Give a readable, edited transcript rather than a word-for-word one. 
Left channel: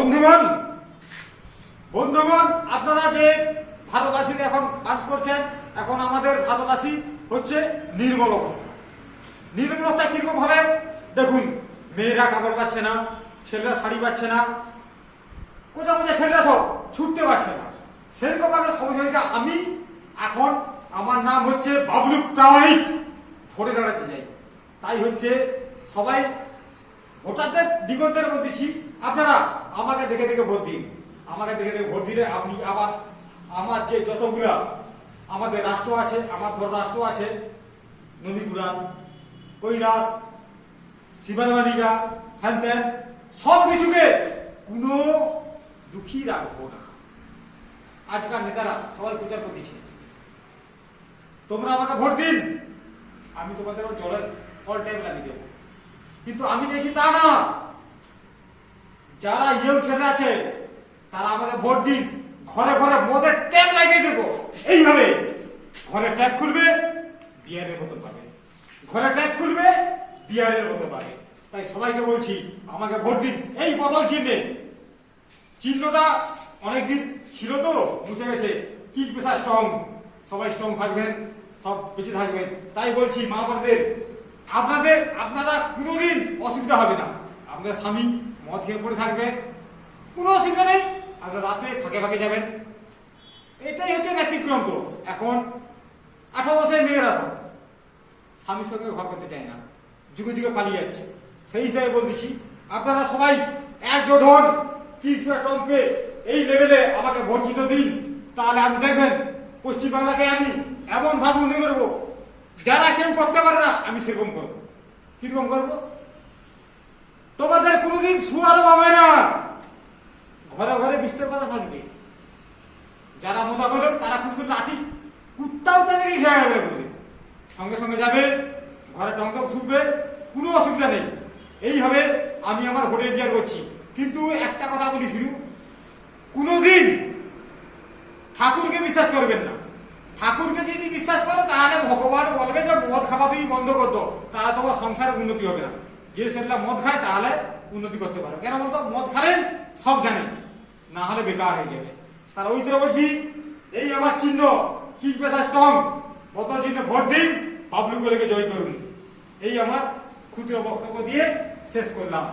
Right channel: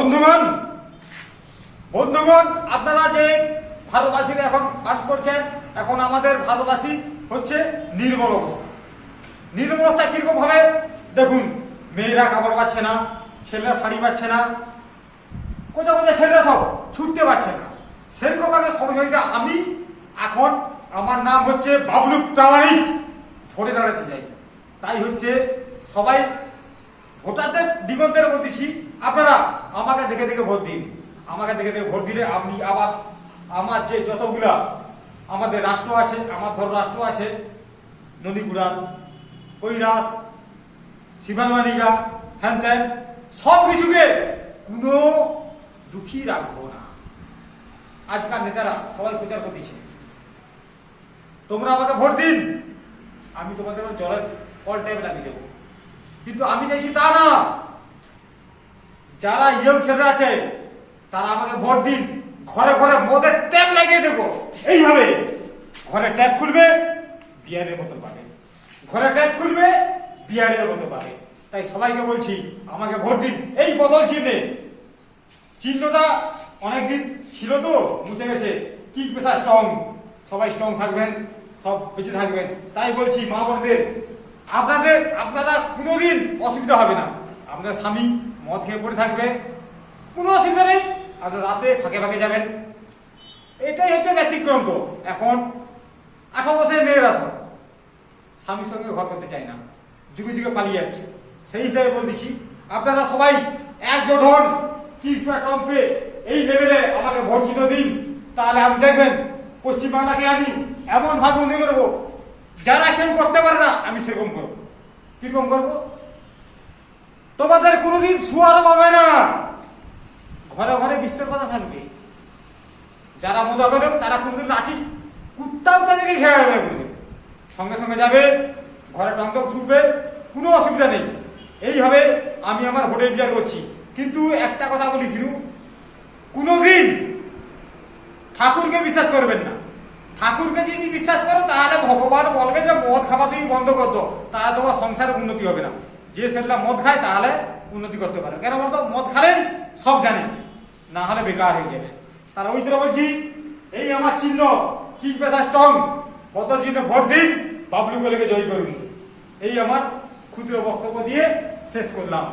বন্ধুগণ বন্ধুগণ আপনারা যে ভারতবাসী এখন কাজ করছেন, এখন আমাদের ভারতবাসী হচ্ছে নির্মল অবস্থা। নির্মল অবস্থা কিরকম হবে দেখুন, মেয়েরা কাপড় পাচ্ছে না, ছেলেরা শাড়ি পাচ্ছে না, কোথাও কোথাও ছেলেরা সব ছুটতে পারছে না। সেরকম ভাবে সব হয়েছে। আমি এখন আমার নাম হচ্ছে বাবলু প্রামাণিক, ভোটে দাঁড়াতে চাই। তাই হচ্ছে সবাই ভোটারদের দিগন্তের বলতেছি, আপনারা আমাকে দেখে দেখে ভোট দিন। আমাকে দেখে দেখে ভোট দিলে আপনি আবার আমার যে যতগুলা আমাদের রাষ্ট্র আছে, আমার ধর রাষ্ট্র আছে, নদীগুড়ান, কৈরাস, শিবানমালিগা, হ্যান ত্যান, সব কিছুকে কোনো দুঃখী রাখবো না। আজকাল নেতারা সবাই প্রচার করতেছে, তোমরা আমাকে ভোট দিন, আমি তোমাদের জলের অল টাইম লাগিয়ে দেবো। কিন্তু আমি চাইছি তা না। যারা ইয়ং ছেলেরা আছে তারা আমাকে ভোট দিন, ঘরে ঘরে মদের ট্যাপ লাগিয়ে দেবো। এইভাবে ঘরে ট্যাপ খুলবে, বিয়ারের মতো পাবে, ঘরে ট্যাপ খুলবে, বিয়ারের মতো পাবে। তাই সবাইকে বলছি আমাকে ভোট দিন এই বদল চিহ্নে। চিহ্নটা অনেকদিন ছিল তো মুছে গেছে, কি পেশা স্ট্রং, সবাই স্ট্রং থাকবেন, সব বেঁচে থাকবেন। তাই বলছি মা বোনদের, আপনারা কোনোদিন অসুবিধা হবে না। আপনার স্বামী মদ খেয়ে পড়ে থাকবে, কোনো অসুবিধা নেই, আপনার রাতে ফাঁকে ফাঁকে যাবেন। এটাই হচ্ছে ব্যতিক্রম। তো এখন 18 বছরের মেয়েরা সব স্বামীর সঙ্গে ঘর করতে চায় না, যুগে যুগে পালিয়ে যাচ্ছে। সেই হিসাবে বলতেছি আপনারা সবাই একজোট হন, কি টম্পে এই লেভেলে আমাকে ভোট জিতে দিন। তাহলে আমি দেখবেন পশ্চিমবাংলাকে আমি এমন ভাবে উন্নতি করবো, যারা কেউ করতে পারে না আমি সেরকম করবো। কিরকম করবো? তোমাদের কোনোদিন শুয়ার পাবে না, ঘরে ঘরে বিস্তার কথা থাকবে। যারা মজা করে তারা কোনদিন লাঠি কুত্তাও তাদেরকে খেয়ে যাবে, সঙ্গে সঙ্গে যাবে, ঘরে টংটক ছুটবে, কোনো অসুবিধা নেই। এইভাবে আমি আমার ভোটের বিচার করছি। কিন্তু একটা কথা বলেছিল, কোনোদিন ঠাকুরকে বিশ্বাস করবেন না। ঠাকুরকে যদি বিশ্বাস করো তাহলে ভগবান বলবে যে মদ খাওয়া তুমি বন্ধ করতো, তাহলে তোমার সংসারের উন্নতি হবে না। যে সেটা মদ খায় তাহলে উন্নতি করতে পারে, কেন বলতো মদ খালে সব জানে, না হলে বেকার হয়ে যাবে। তাহলে ওই তো বলছি, এই আমার চিহ্ন কিং পেশা স্ট্রং, বদল চিহ্ন ভোট দিন, বাবলু গলিকে জয় করুন। এই আমার ক্ষুদ্র বক্তব্য দিয়ে শেষ করলাম।